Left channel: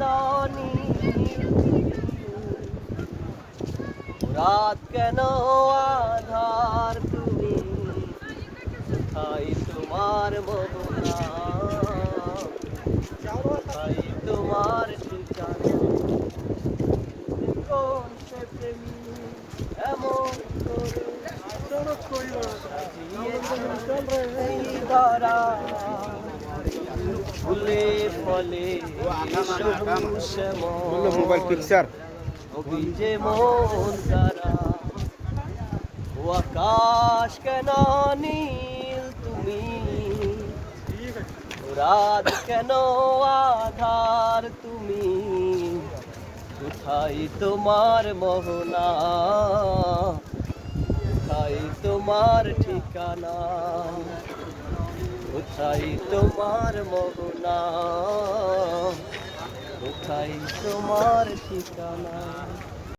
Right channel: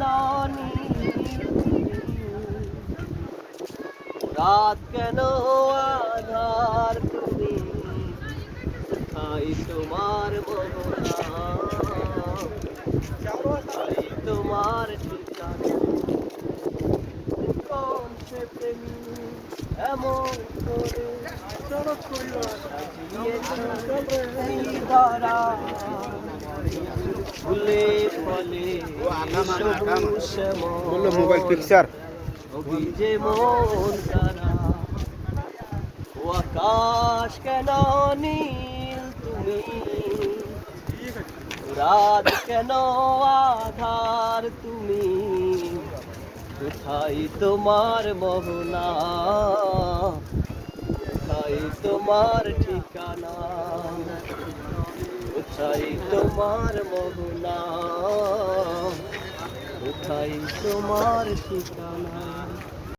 কেন রাত কেন আধার তুমি কোথায় তোমার মোহনা কোথায় তোমার ঠিকানা কোন সে প্রেমী এমন করে দ্বারা ফুলে ফলে মোবাইল পিকচার ভিজে মন তারা ও আকাশ কেন নীল তুমি রাত কেন আধার তুমি কোথায় তোমার মোহনা কোথায় তোমার ঠিকানা কোথায় তোমার মোহনা কোথায় তোমার ঠিকানা।